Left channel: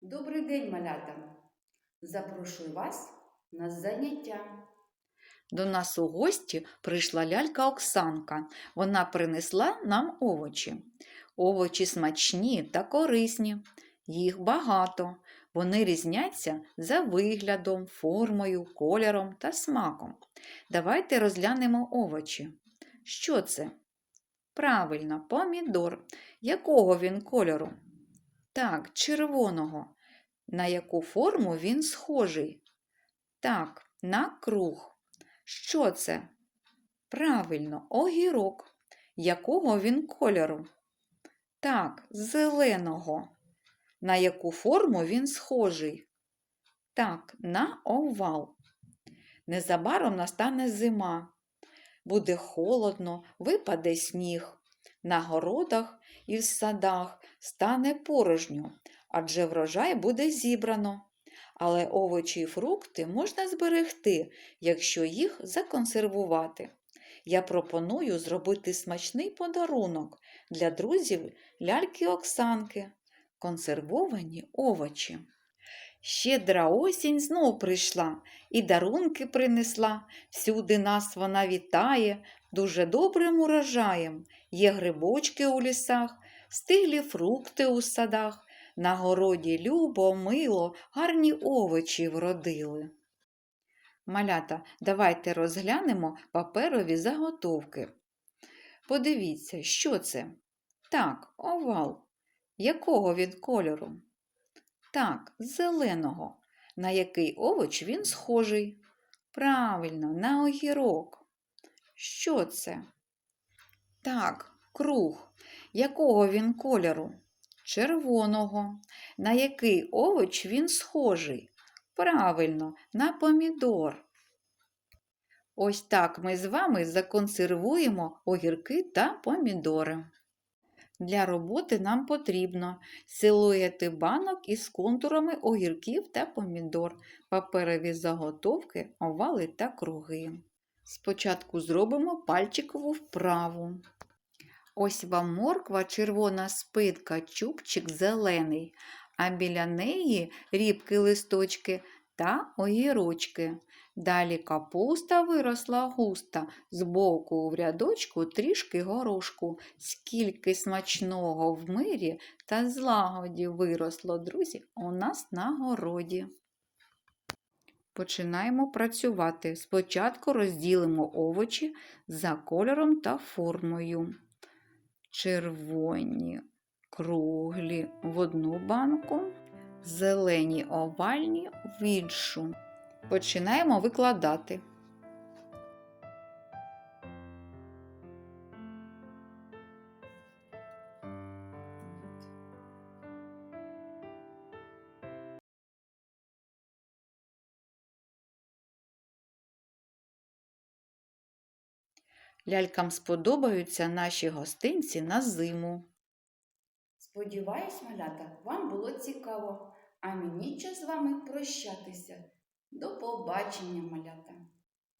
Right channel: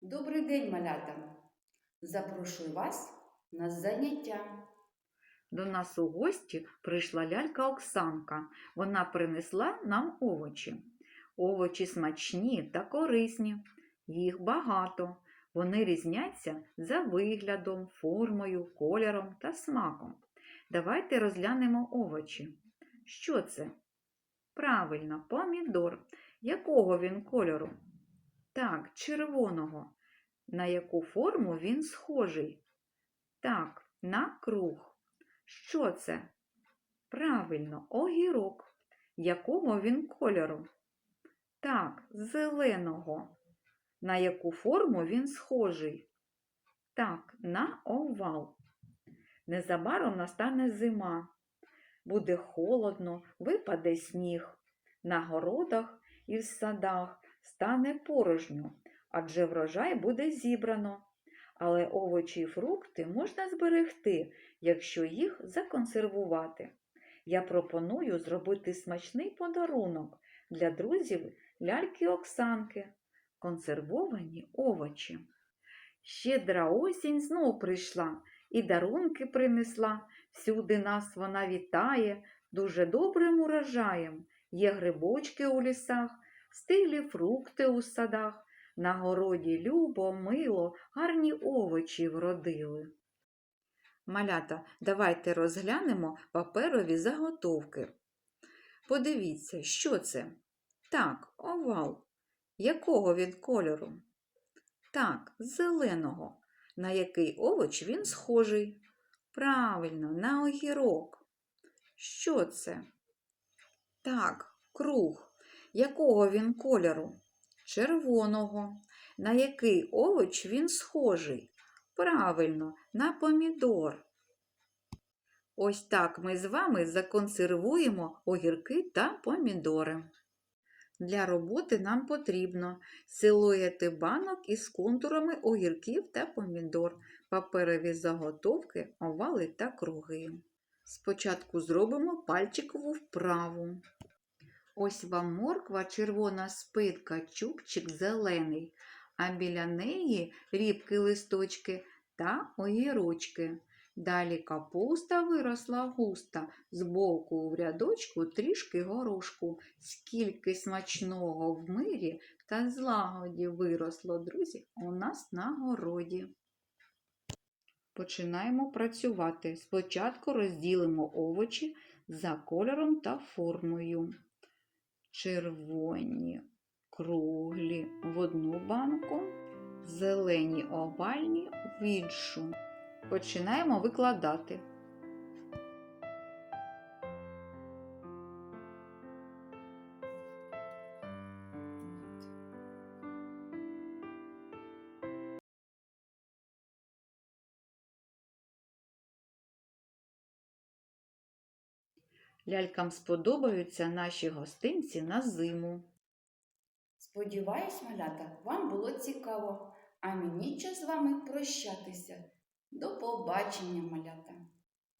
Добрий день, малята! Запрошую вас на заняття. До нас у гості прийшла лялька Оксанка. Вона принесла нам овочі. Овочі смачні та корисні. Їх багато. Вони різняться за виглядом, формою, кольором та смаком. Давайте розглянемо овочі. Що це? Правильно, помідор. Якого він кольору? Так, червоного. На яку форму він схожий? Так, на круг. Що це? Правильно, огірок. Якого він кольору? Так, зеленого. На яку форму він схожий? Так, на овал. Незабаром настане зима. Буде холодно, випаде сніг. На городах і в садах стане порожньо, адже врожай буде зібрано. Але овочі і фрукти можна зберегти, якщо їх законсервувати. Я пропоную зробити смачний подарунок для друзів ляльки Оксанки консервовані овочі. Щедра осінь знов прийшла і дарунки принесла. Всюди нас вона вітає, дуже добрим урожаєм. Є грибочки у лісах, стиглі фрукти у садах. На городі любо, мило, гарні овочі вродили. Малята, давайте розглянемо паперові заготовки. Подивіться, що це? Так, овал. Якого він кольору? Так, зеленого. На який овоч він схожий? Правильно, на огірок. Що це? Так, круг. Якого він кольору? Червоного. На який овоч він схожий? Правильно, на помідор. Ось так ми з вами законсервуємо огірки та помідори. Для роботи нам потрібно силуети банок із контурами огірків та помідор, паперові заготовки, овали та круги. Спочатку зробимо пальчикову вправу. Ось вам морква, червона спитка, чубчик зелений, а біля неї рібки листочки та огірочки. Далі капуста виросла густа, збоку в рядочку трішки горошку. Скільки смачного в мирі та злагоді виросло, друзі, у нас на городі. Починаємо працювати. Спочатку розділимо овочі за кольором та формою. Червоні круглі в одну банку, зелені овальні в іншу. Починаємо викладати. Лялькам сподобаються наші гостинці на зиму. Сподіваюсь, малята, вам було цікаво, а мені час з вами прощатися. До побачення, малята!